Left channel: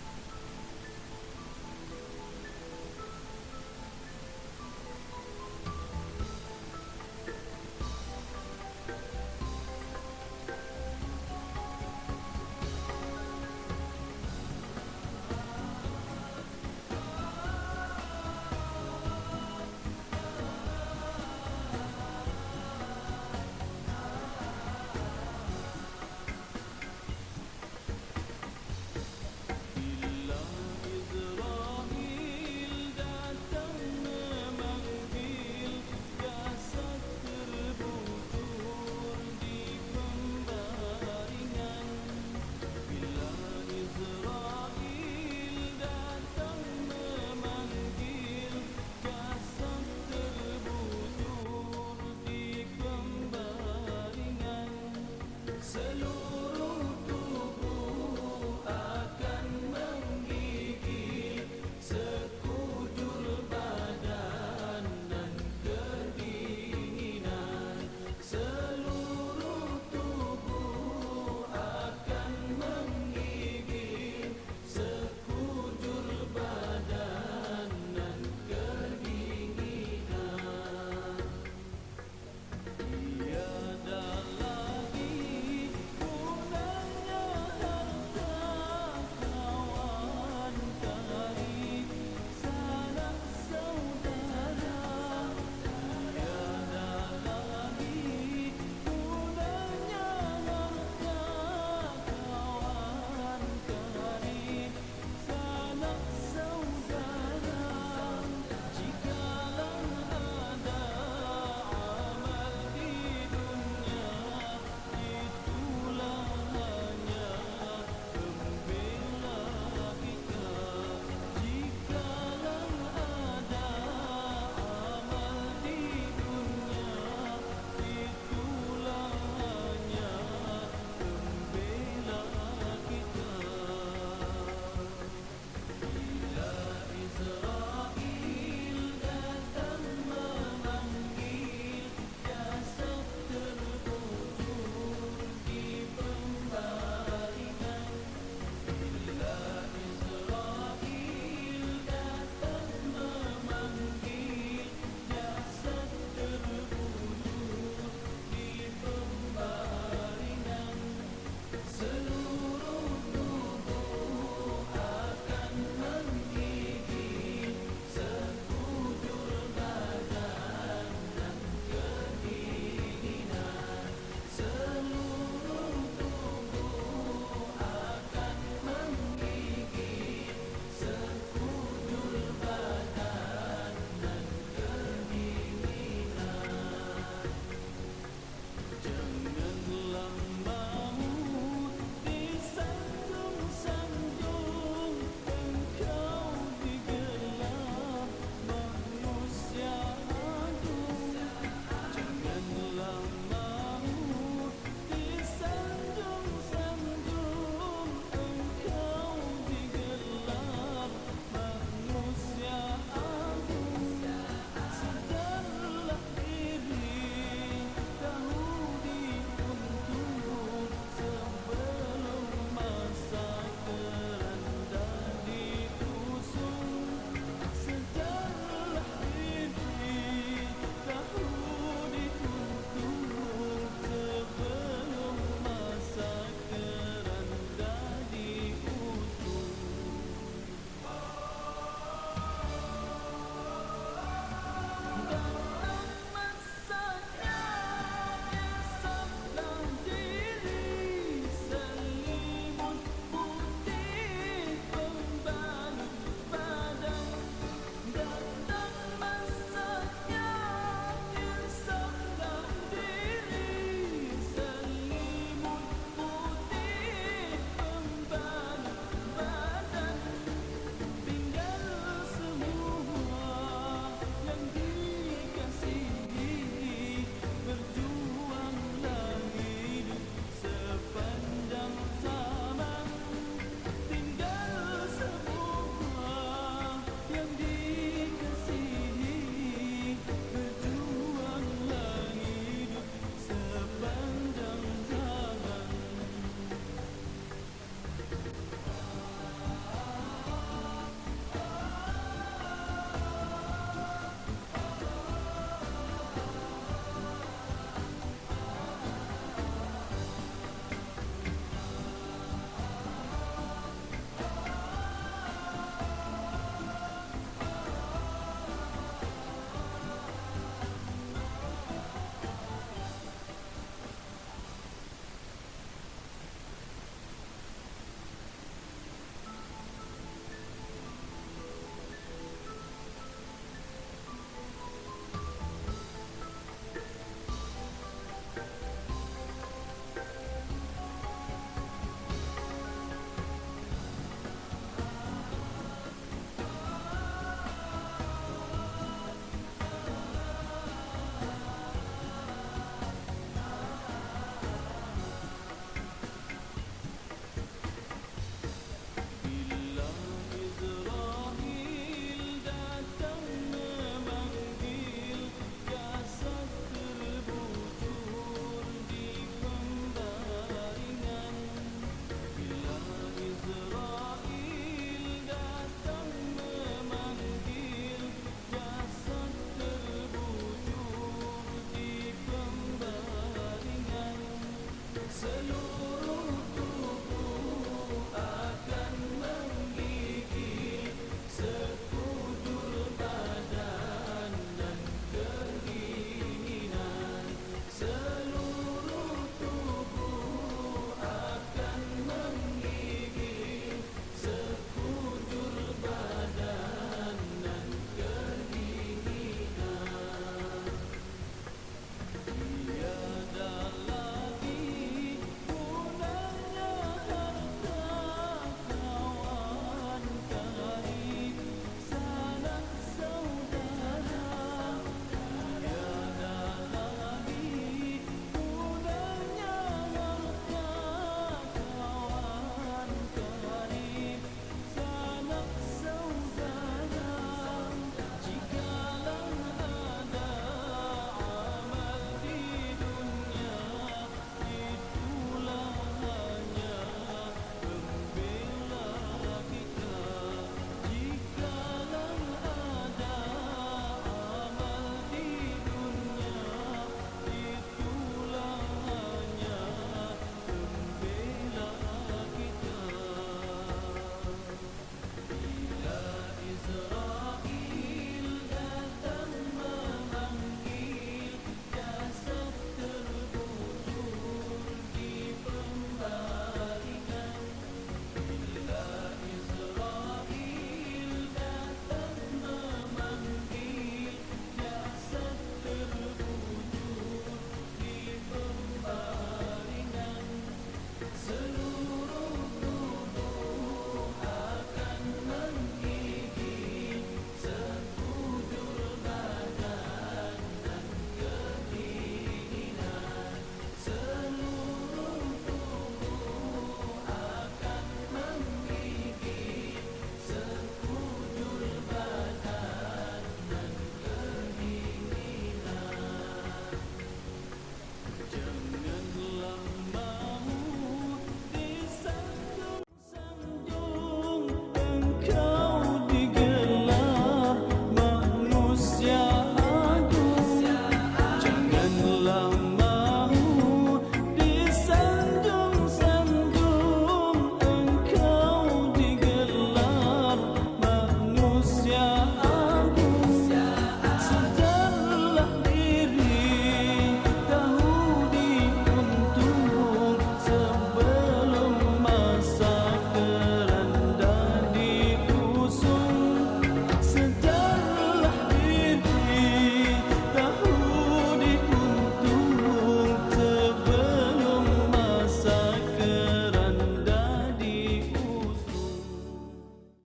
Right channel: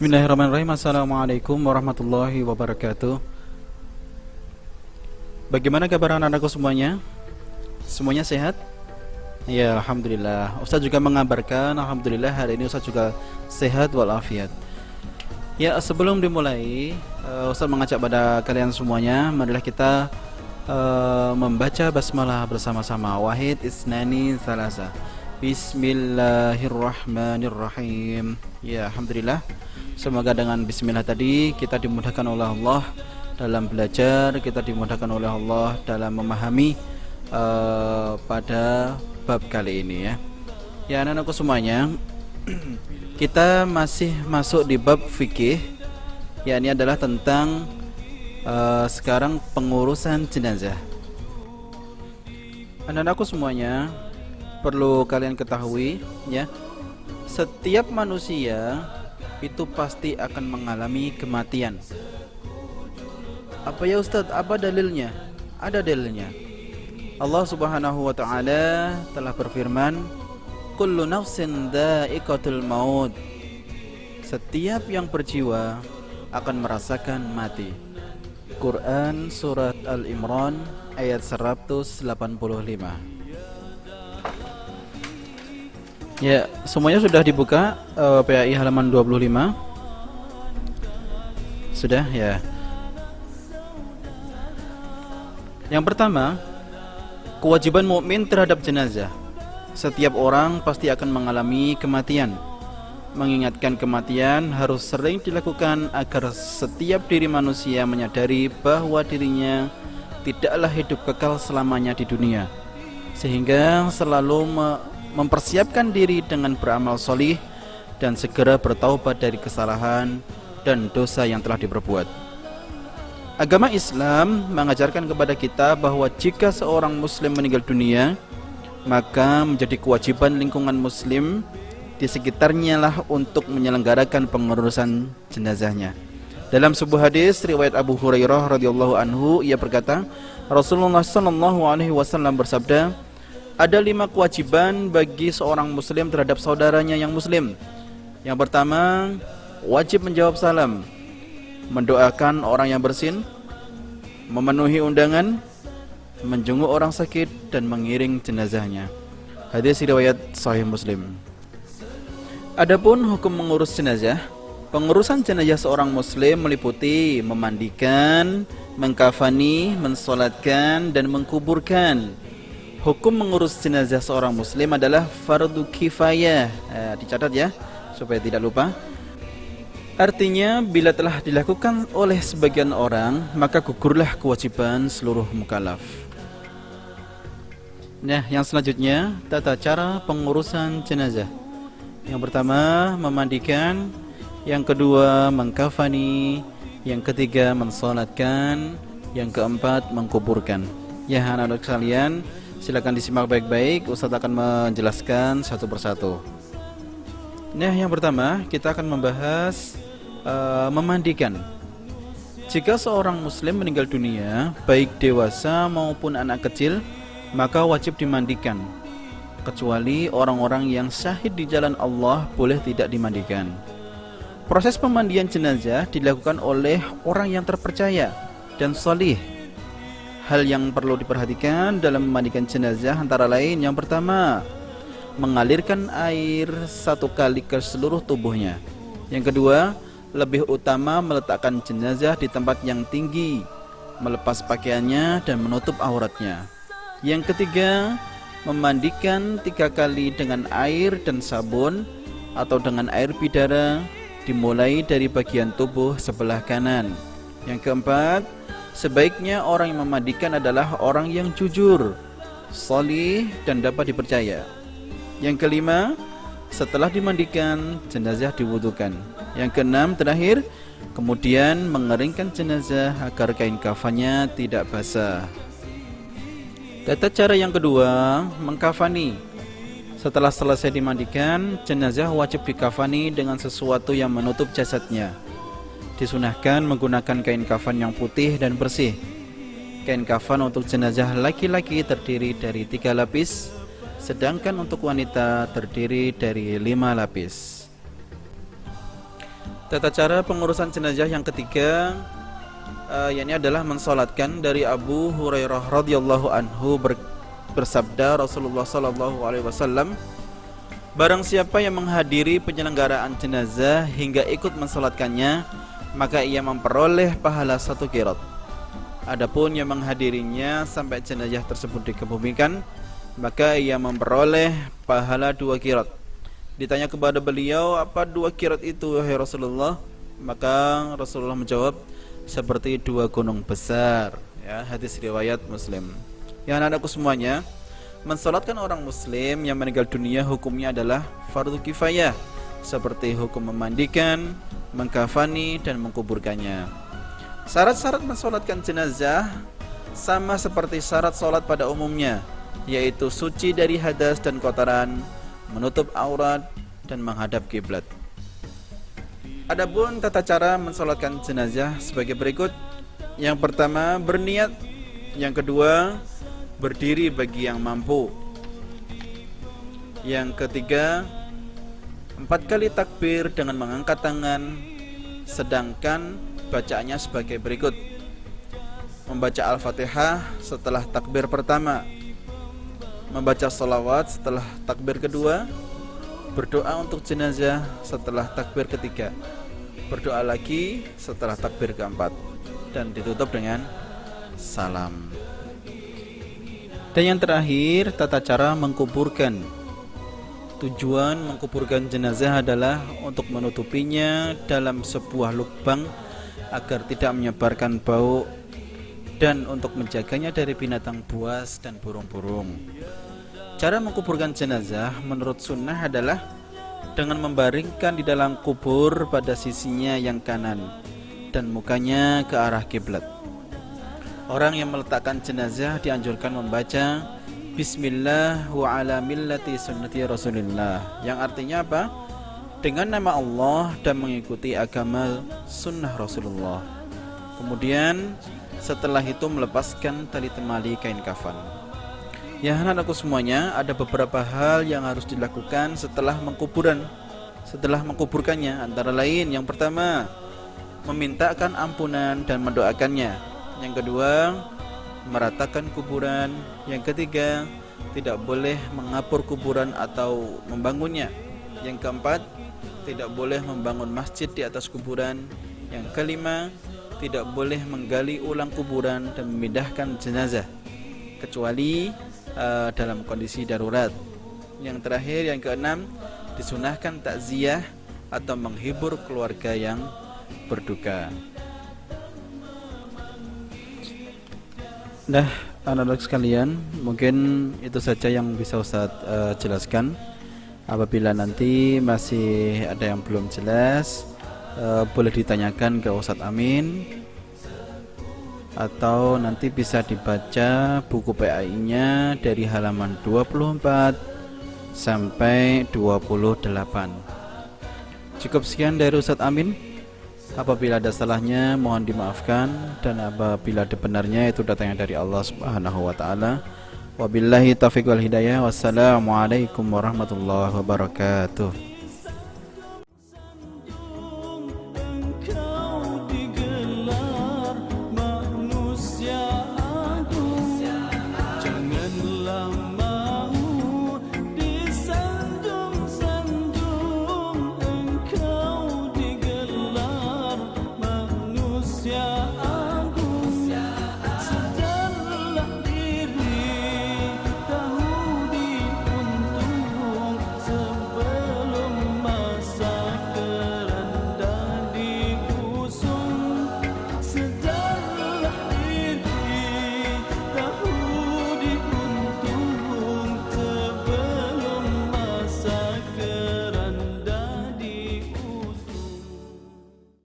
Bismillahirrahmanirrahim. Assalamualaikum warahmatullahi wabarakatuh. Bagaimana kabar anak-anakku semuanya? Semuanya sehat? Ya, alhamdulillah. Ustaz juga mengabarkan alhamdulillah hari ini Ustaz juga sehat walafiat. Ya, sebelum dimulai, Ustaz mengajak pada kalian semuanya, marilah kita membaca basmalah bersama-sama. Wahid isnani salasa. Bismillahirrahmanirrahim. Ya, alhamdulillah. Semoga dengan bismillah tadi kita dimudahkan oleh Allah dalam belajar, kita dimudahkan oleh Allah dalam memahami pada bab kali ini ya. Ya, anak-anakku semuanya, kita masih masuk di bab fikih. Ya, ini adalah tentang sekarang pengurusan jenazah. Anak-anakku semuanya, perlu kalian ketahui ya, setiap manusia itu pasti akan mengalami kematian. Apa ya Ustadz? Apa dalilnya? Ada dalilnya. Allah Subhanahu wa taala telah berfirman, "Kullu nafsin dha'iqatul maut." Setiap yang berjiwa akan merasakan mati. Quran surat Al-Imran ayat 185. Ya, semuanya sudah dibuka PAI halaman 25. Sudah ya. Yang pertama, kewajiban mukmin terhadap jenazah. Setiap orang pasti akan mengalami kematian. Mengingatkan kematian harus sering dilakukan agar setiap diri manusia menyadari bahwa dirinya tidaklah hidup kekal selamanya di dunia, sehingga selalu mempersiapkan diri dengan beramal solih dan segera bertaubat dari kesalahan dan dosa yang telah diperbuat. Agama Islam mengajarkan kepada kita bahwa jika seorang muslim meninggal dunia, maka menjadi kewajiban lingkungan muslim di sekitarnya lah untuk menyelenggarakan pengurusan jenazahnya. Dalam sebuah hadis riwayat Abu Hurairah radhiyallahu anhu, ia berkata, Rasulullah sallallahu alaihi wasallam bersabda, ada 5 kewajiban bagi seorang muslim terhadap saudaranya yang muslim. Yang pertama, wajib menjawab salam, mendoakan orang yang bersin, memenuhi undangan, menjenguk orang sakit, dan mengiring jenazahnya. Hadis riwayat Sahih Muslim. Adapun hukum mengurus jenazah, pengurusan jenazah seorang muslim meliputi memandikan, mengkafani, mensolatkan, dan mengkuburkan. Hukum mengurus jenazah seorang muslim adalah fardu kifayah. Dicatat ya, supaya tidak lupa. Artinya, bila telah dilakukan oleh sebagian orang, maka gugurlah kewajiban seluruh mukallaf. Nah, yang selanjutnya, tata cara pengurusan jenazah. Yang pertama, memandikan. Yang kedua, mengkafani. Yang ketiga, mensolatkan. Yang keempat, mengkuburkan. Ya, anak-anak sekalian, silakan disimak baik-baik. Ustaz akan menjelaskan satu persatu. Nah, yang pertama kita akan membahas memandikan. Jika seorang muslim meninggal dunia, baik dewasa maupun anak kecil, maka wajib dimandikan. Kecuali orang-orang yang syahid di jalan Allah boleh tidak dimandikan. Proses pemandian jenazah dilakukan oleh orang yang terpercaya dan salih. Hal yang perlu diperhatikan dalam memandikan jenazah antara lain, yang pertama, mengalirkan air 1 kali ke seluruh tubuhnya. Yang kedua, lebih utama meletakkan jenazah di tempat yang tinggi, melepas pakaiannya dan menutup auratnya. Yang ketiga, memandikan 3 kali dengan air dan sabun atau dengan air bidara, dimulai dari bagian tubuh sebelah kanan. Yang keempat, sebaiknya orang yang memandikan adalah orang yang jujur, salih, dan dapat dipercaya. Yang kelima, setelah dimandikan, jenazah diwudukan. Yang keenam, terakhir, kemudian mengeringkan jenazah agar kain kafannya tidak basah. Tata cara yang kedua, mengkafani. Setelah selesai dimandikan, jenazah wajib dikafani dengan sesuatu yang menutup jasadnya. Disunahkan menggunakan kain kafan yang putih dan bersih. Kain kafan untuk jenazah laki-laki terdiri dari 3 lapis, sedangkan untuk wanita terdiri dari 5 lapis. Tata cara pengurusan jenazah yang ketiga yakni adalah mensolatkan. Dari Abu Hurairah radhiyallahu anhu bersabda Rasulullah sallallahu alaihi wasallam, barang siapa yang menghadiri penyelenggaraan jenazah hingga ikut mensolatkannya, maka ia memperoleh pahala 1 qirat. Adapun yang menghadirinya sampai jenazah tersebut dikebumikan, maka ia memperoleh pahala 2 qirat. Ditanya kepada beliau, apa 2 qirat itu wahai Rasulullah? Maka Rasulullah menjawab, seperti 2 gunung besar. Ya, hadis riwayat Muslim. Ya, anak-anakku semuanya, mensolatkan orang muslim yang meninggal dunia hukumnya adalah fardu kifayah, seperti hukum memandikan, mengkafani, dan menguburkannya. Syarat-syarat mensolatkan jenazah sama seperti syarat solat pada umumnya, yaitu suci dari hadas dan kotoran, menutup aurat, dan menghadap kiblat. Adapun tata cara mensolatkan jenazah sebagai berikut. Yang pertama, berniat. Yang kedua, berdiri bagi yang mampu. Yang ketiga, 4 kali takbir dengan mengangkat tangan, sedangkan bacaannya sebagai berikut: membaca Al-Fatihah setelah takbir pertama, membaca sholawat setelah takbir kedua, berdoa untuk jenazah setelah takbir ketiga, berdoa lagi setelah takbir keempat, dan ditutup dengan salam. Dan yang terakhir, tata cara mengkuburkan. Tujuan mengkuburkan jenazah adalah untuk menutupinya dalam sebuah lubang agar tidak menyebarkan bau, dan untuk menjaganya dari binatang buas dan burung-burung. Cara mengkuburkan jenazah menurut sunnah adalah dengan membaringkan di dalam kubur pada sisinya yang kanan dan mukanya ke arah kiblat. Orang yang meletakkan jenazah dianjurkan membaca Bismillah wa ala millati sunnati Rasulillah, yang artinya apa? Dengan nama Allah dan mengikuti agama sunnah Rasulullah. Kemudian setelah itu melepaskan tali temali kain kafan. Ya, anak-anakku semuanya, ada beberapa hal yang harus dilakukan setelah mengkuburkannya. Antara lain, yang pertama, memintakan ampunan dan mendoakannya. Yang kedua, meratakan kuburan. Yang ketiga, tidak boleh mengapur kuburan atau membangunnya. Yang keempat, tidak boleh membangun masjid di atas kuburan. Yang kelima, tidak boleh menggali ulang kuburan dan memindahkan jenazah kecuali dalam kondisi darurat. Yang terakhir, yang keenam, disunahkan takziah atau menghibur keluarga yang berduka. Nah, anak-anak sekalian, mungkin itu saja yang bisa Ustaz jelaskan. Apabila nanti masih ada yang belum jelas, boleh ditanyakan ke Ustaz Amin, atau nanti bisa dibaca buku PAI-nya dari halaman 24 sampai 28. Cukup sekian dari Ustaz Amin. Apabila ada salahnya mohon dimaafkan, dan apabila ada benarnya itu datangnya dari Allah Subhanahu wa taala. Wabillahi taufiq wal hidayah. Wassalamualaikum warahmatullahi wabarakatuh.